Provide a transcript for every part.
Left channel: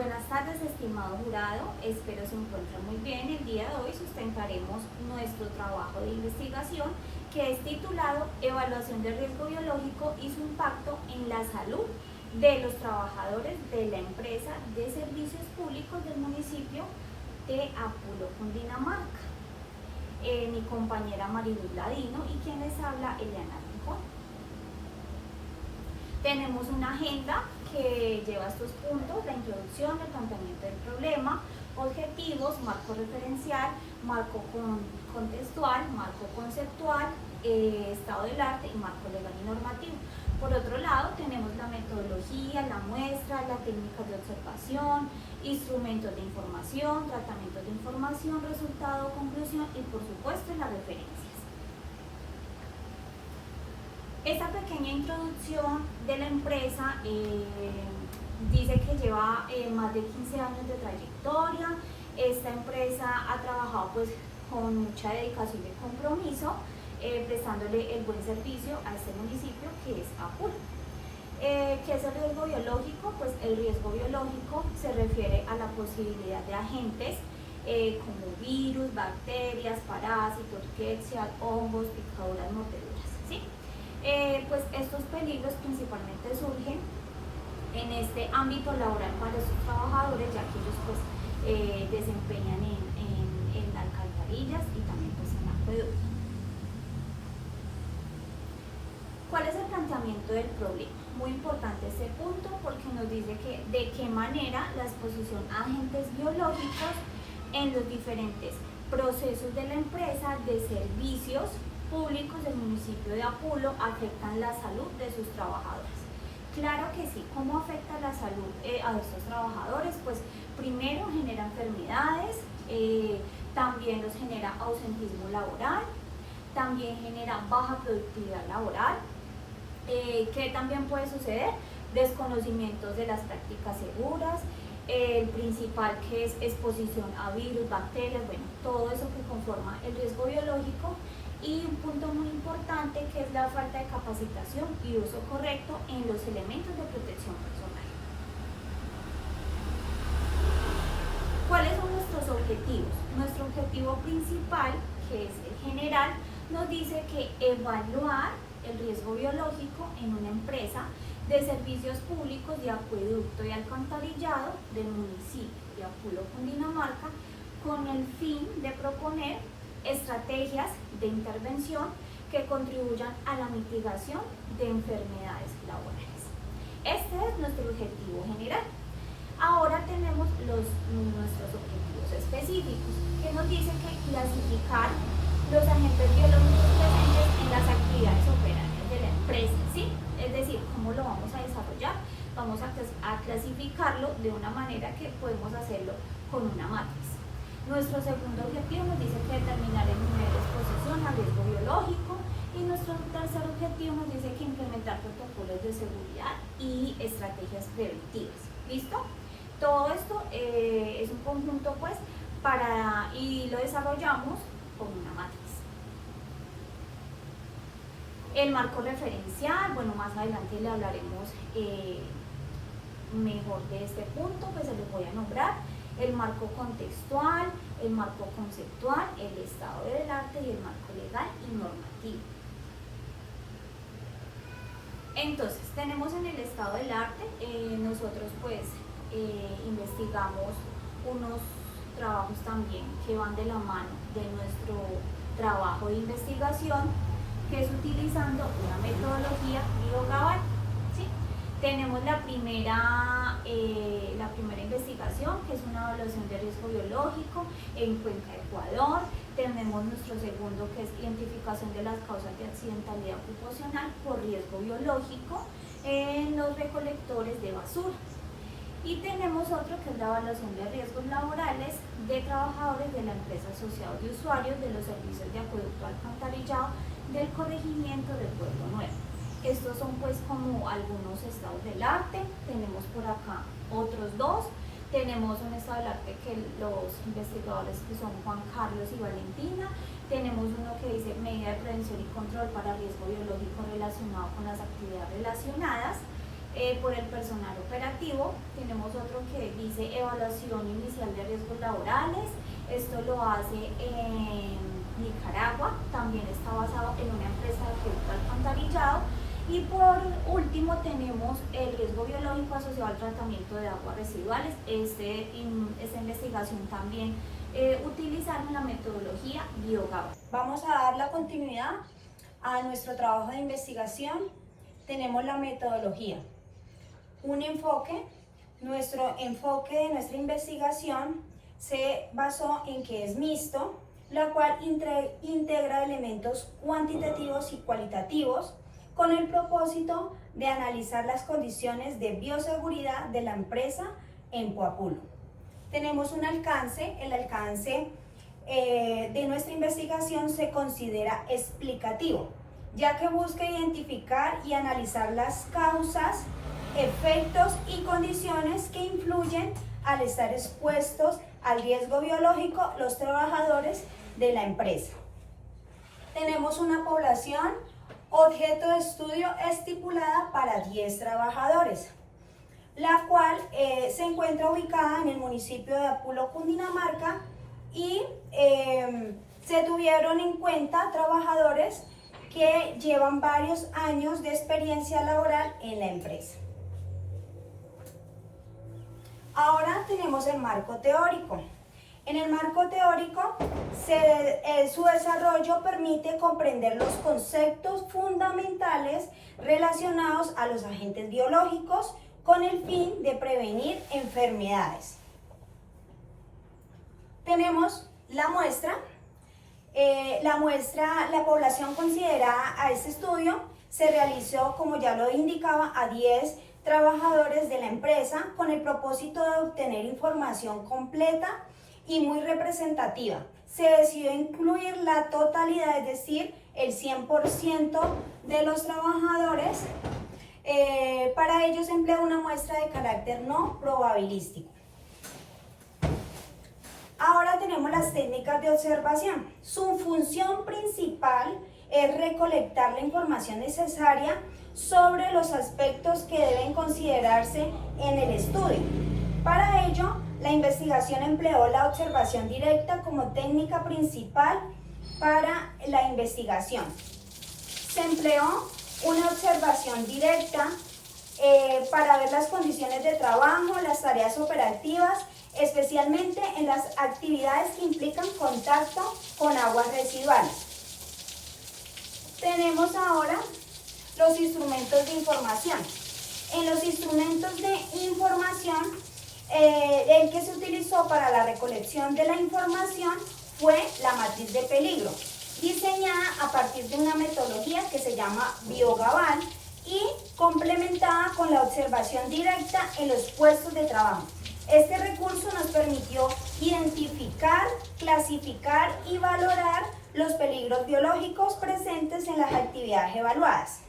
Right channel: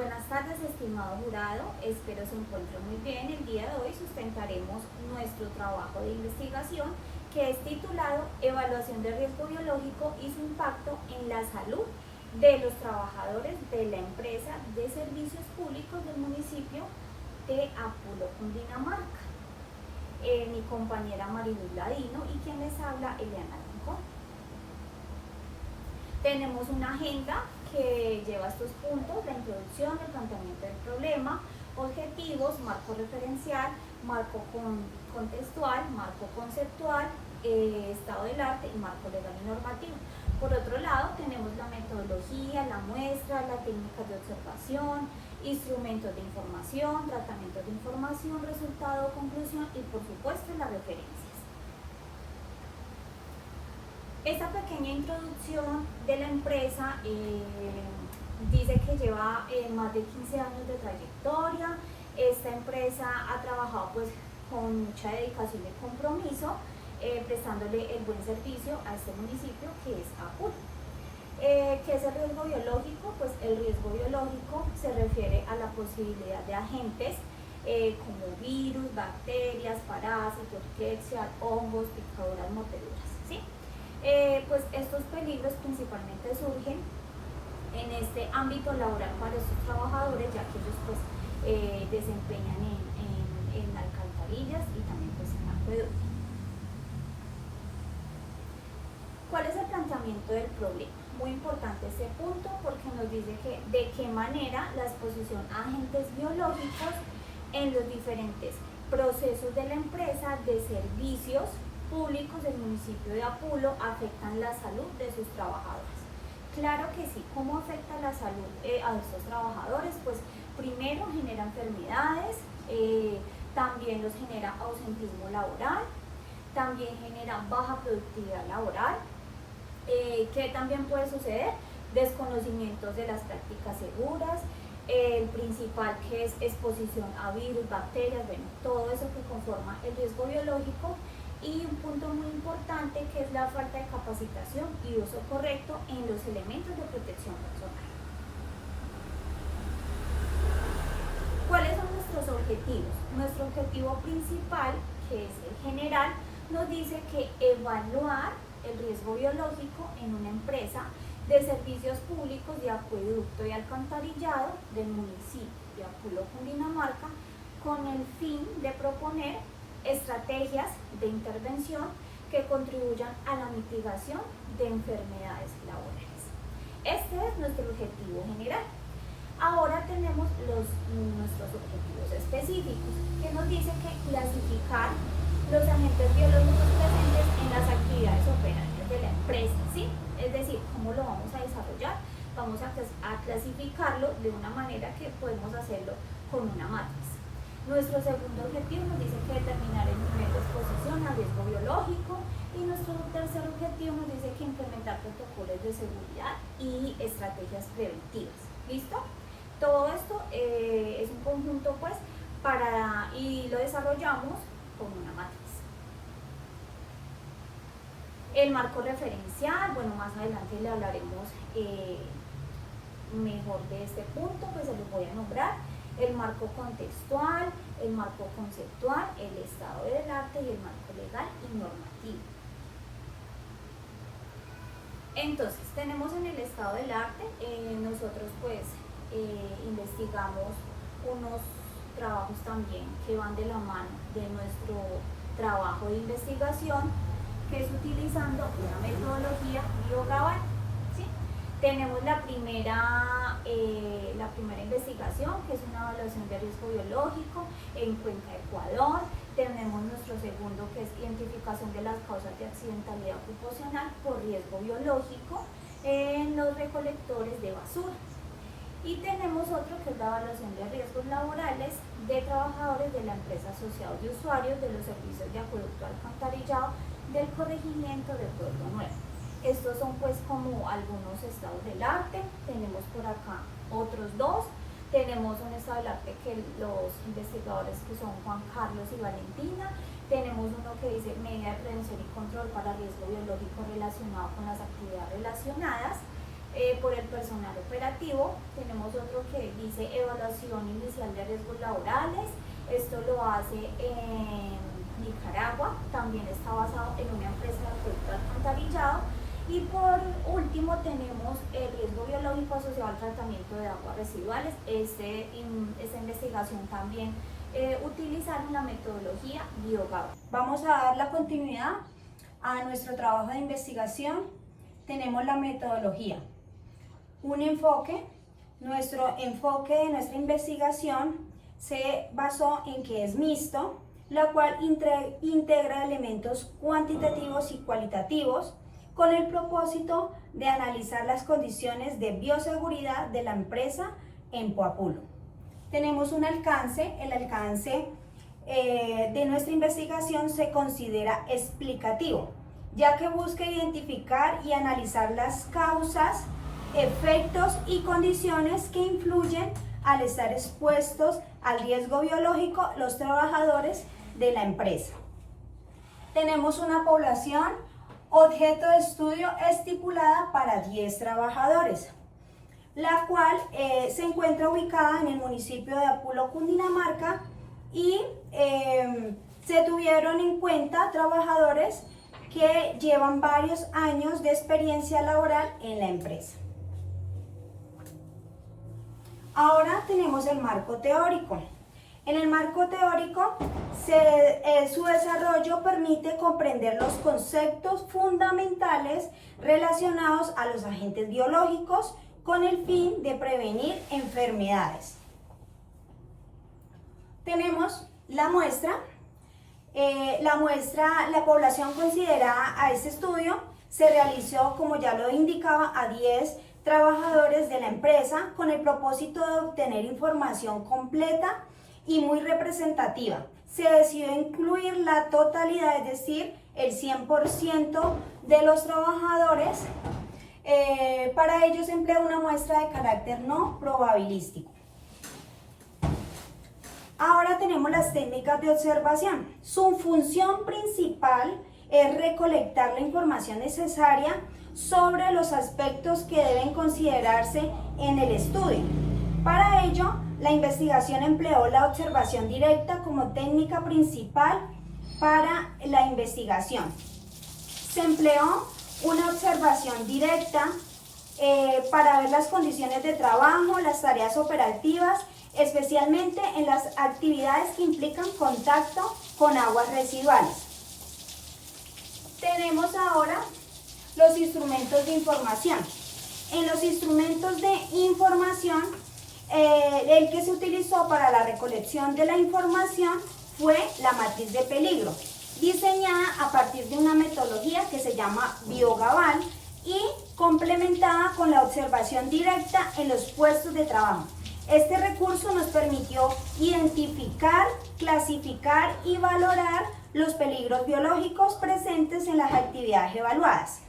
buenas tardes, estimado jurado. Espero se encuentre muy bien. El día de hoy sustentaremos nuestro trabajo de investigación que es titulado Evaluación de riesgo biológico y su impacto en la salud de los trabajadores de la empresa de servicios públicos del municipio de Apulo, Cundinamarca. Mi compañera Maribel Ladino y quien les habla, Eliana Rincón. Tenemos una agenda que lleva estos puntos: la introducción, el planteamiento del problema, objetivos, marco referencial, marco contextual, marco conceptual, estado del arte y marco legal y normativo. Por otro lado, tenemos la metodología, la muestra, la técnica de observación, instrumentos de información, tratamientos de información, resultado, conclusión y por supuesto las referencias. Esta pequeña introducción de la empresa dice que lleva más de 15 años de trayectoria. Esta empresa ha trabajado pues con mucha dedicación y compromiso, prestándole el buen servicio a este municipio que es Apulo. ¿Qué es el riesgo biológico? Pues el riesgo biológico se refiere a la posibilidad de agentes como virus, bacterias, parásitos, Klebsiella, hongos, picaduras, mordeduras, ¿sí? Pues estos peligros principalmente surgen en este ámbito laboral para estos trabajadores, ya que ellos pues desempeñan en alcantarillas y también pues en acueductos. ¿Cuál es el planteamiento del problema? Muy importante este punto porque nos dice que de qué manera la exposición a agentes biológicos en los diferentes procesos de la empresa de servicios públicos del municipio de Apulo afectan la salud de sus trabajadores. Claro que sí. ¿Cómo afecta la salud a estos trabajadores? Pues primero genera enfermedades, también los genera ausentismo laboral, también genera baja productividad laboral. ¿Qué también puede suceder? Desconocimientos de las prácticas seguras, el principal que es exposición a virus, bacterias, bueno, todo eso que conforma el riesgo biológico. Y un punto muy importante que es la falta de capacitación y uso correcto en los elementos de protección personal. ¿Cuáles son nuestros objetivos? Nuestro objetivo principal, que es el general, nos dice que evaluar el riesgo biológico en una empresa de servicios públicos de acueducto y alcantarillado del municipio de Apulo, Cundinamarca, con el fin de proponer estrategias de intervención que contribuyan a la mitigación de enfermedades laborales. Este es nuestro objetivo general. Ahora tenemos nuestros objetivos específicos, que nos dice que clasificar los agentes biológicos presentes en las actividades operarias de la empresa, ¿sí? Es decir, ¿cómo lo vamos a desarrollar? Vamos a clasificarlo de una manera que podemos hacerlo con una matriz. Nuestro segundo objetivo nos dice que determinar el nivel de exposición al riesgo biológico, y nuestro tercer objetivo nos dice que implementar protocolos de seguridad y estrategias preventivas. ¿Listo? Todo esto es un conjunto pues y lo desarrollamos con una matriz. El marco referencial, bueno, más adelante le hablaremos mejor de este punto, pues se los voy a nombrar. El marco contextual, el marco conceptual, el estado del arte y el marco legal y normativo. Entonces, tenemos en el estado del arte, nosotros pues investigamos unos trabajos también que van de la mano de nuestro trabajo de investigación, que es utilizando una metodología biogaval. Tenemos la primera investigación, que es una evaluación de riesgo biológico en Cuenca, Ecuador. Tenemos nuestro segundo, que es identificación de las causas de accidentalidad ocupacional por riesgo biológico en los recolectores de basura. Y tenemos otro, que es la evaluación de riesgos laborales de trabajadores de la empresa asociada de usuarios de los servicios de acueducto alcantarillado del corregimiento de Pueblo Nuevo. Estos son pues como algunos estados del arte. Tenemos por acá otros dos. Tenemos un estado del arte que los investigadores, que son Juan Carlos y Valentina. Tenemos uno que dice medida de prevención y control para riesgo biológico relacionado con las actividades relacionadas. por el personal operativo. Tenemos otro que dice evaluación inicial de riesgos laborales. Esto lo hace en Nicaragua, también está basado en una empresa de producto alcantarillado. Y por último tenemos el riesgo biológico asociado al tratamiento de aguas residuales. Esta investigación también utilizaron la metodología BioGABA. Vamos a dar la continuidad a nuestro trabajo de investigación. Tenemos la metodología. Nuestro enfoque de nuestra investigación se basó en que es mixto, lo cual integra elementos cuantitativos y cualitativos con el propósito de analizar las condiciones de bioseguridad de la empresa en Poapulo. Tenemos un alcance, el alcance de nuestra investigación se considera explicativo, ya que busca identificar y analizar las causas, efectos y condiciones que influyen al estar expuestos al riesgo biológico los trabajadores de la empresa. Tenemos una población objeto de estudio estipulada para 10 trabajadores, la cual se encuentra ubicada en el municipio de Apulo, Cundinamarca, y se tuvieron en cuenta trabajadores que llevan varios años de experiencia laboral en la empresa. Ahora tenemos el marco teórico. En el marco teórico, su desarrollo permite comprender los conceptos fundamentales relacionados a los agentes biológicos con el fin de prevenir enfermedades. Tenemos la muestra. La población considerada a este estudio se realizó, como ya lo indicaba, a 10 trabajadores de la empresa con el propósito de obtener información completa y muy representativa. Se decidió incluir la totalidad, es decir, el 100% de los trabajadores. Para ello se emplea una muestra de carácter no probabilístico. Ahora tenemos las técnicas de observación. Su función principal es recolectar la información necesaria sobre los aspectos que deben considerarse en el estudio. Para ello, la investigación empleó la observación directa como técnica principal para la investigación. Se empleó una observación directa para ver las condiciones de trabajo, las tareas operativas, especialmente en las actividades que implican contacto con aguas residuales. Tenemos ahora los instrumentos de información. En los instrumentos de información, el que se utilizó para la recolección de la información fue la matriz de peligro, diseñada a partir de una metodología que se llama BioGABA y complementada con la observación directa en los puestos de trabajo. Este recurso nos permitió identificar, clasificar y valorar los peligros biológicos presentes en las actividades evaluadas.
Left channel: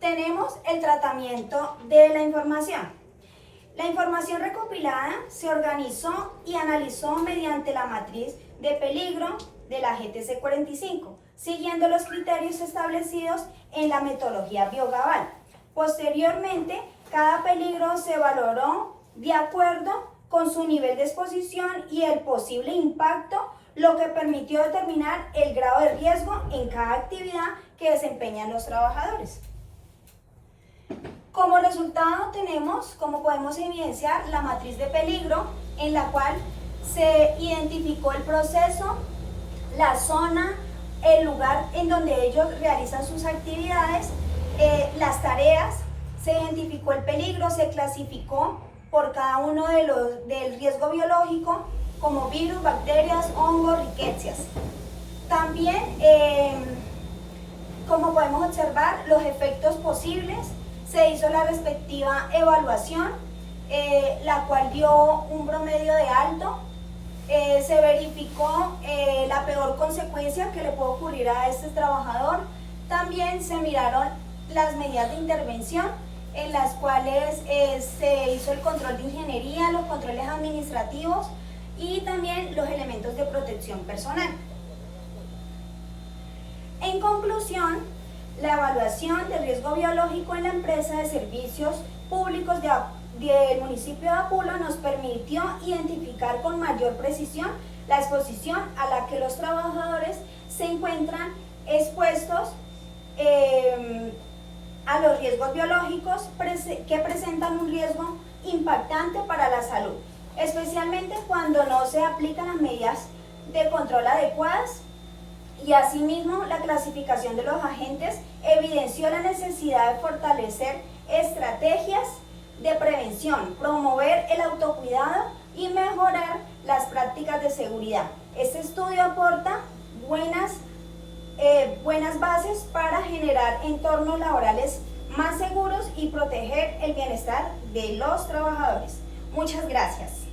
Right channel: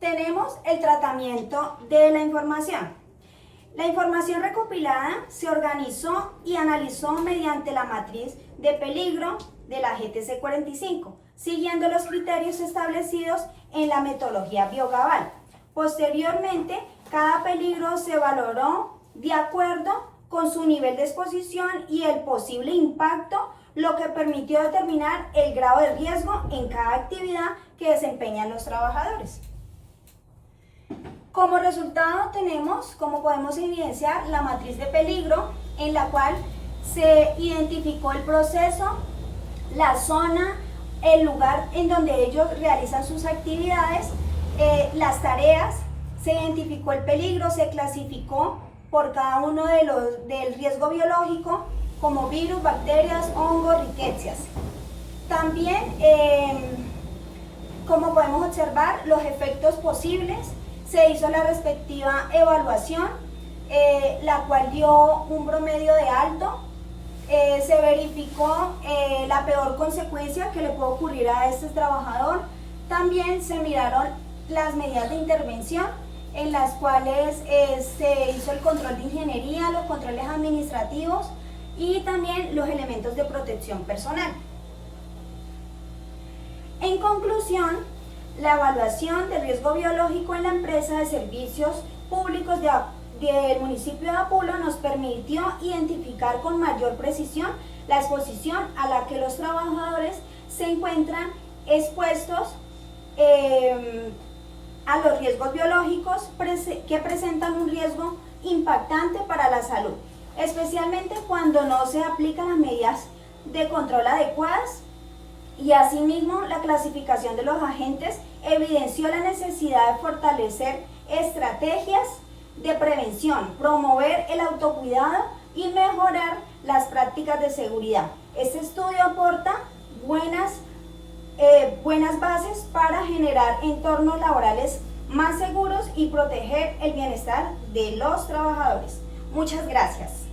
Tenemos el tratamiento de la información. La información recopilada se organizó y analizó mediante la matriz de peligro de la GTC 45, siguiendo los criterios establecidos en la metodología BioGABA. Posteriormente, cada peligro se valoró de acuerdo con su nivel de exposición y el posible impacto, lo que permitió determinar el grado de riesgo en cada actividad que desempeñan los trabajadores. Como resultado tenemos, como podemos evidenciar, la matriz de peligro, en la cual se identificó el proceso, la zona, el lugar en donde ellos realizan sus actividades, las tareas, se identificó el peligro, se clasificó por cada uno del riesgo biológico como virus, bacterias, hongos, riquecias. También, como podemos observar, los efectos posibles. Se hizo la respectiva evaluación, la cual dio un promedio de alto. Se verificó la peor consecuencia que le puede ocurrir a este trabajador. También se miraron las medidas de intervención, en las cuales se hizo el control de ingeniería, los controles administrativos y también los elementos de protección personal. En conclusión, la evaluación de riesgo biológico en la empresa de servicios públicos del municipio de Apulo nos permitió identificar con mayor precisión la exposición a la que los trabajadores se encuentran expuestos a los riesgos biológicos que presentan un riesgo impactante para la salud, especialmente cuando no se aplican las medidas de control adecuadas. Y asimismo, la clasificación de los agentes evidenció la necesidad de fortalecer estrategias de prevención, promover el autocuidado y mejorar las prácticas de seguridad. Este estudio aporta buenas bases para generar entornos laborales más seguros y proteger el bienestar de los trabajadores. Muchas gracias.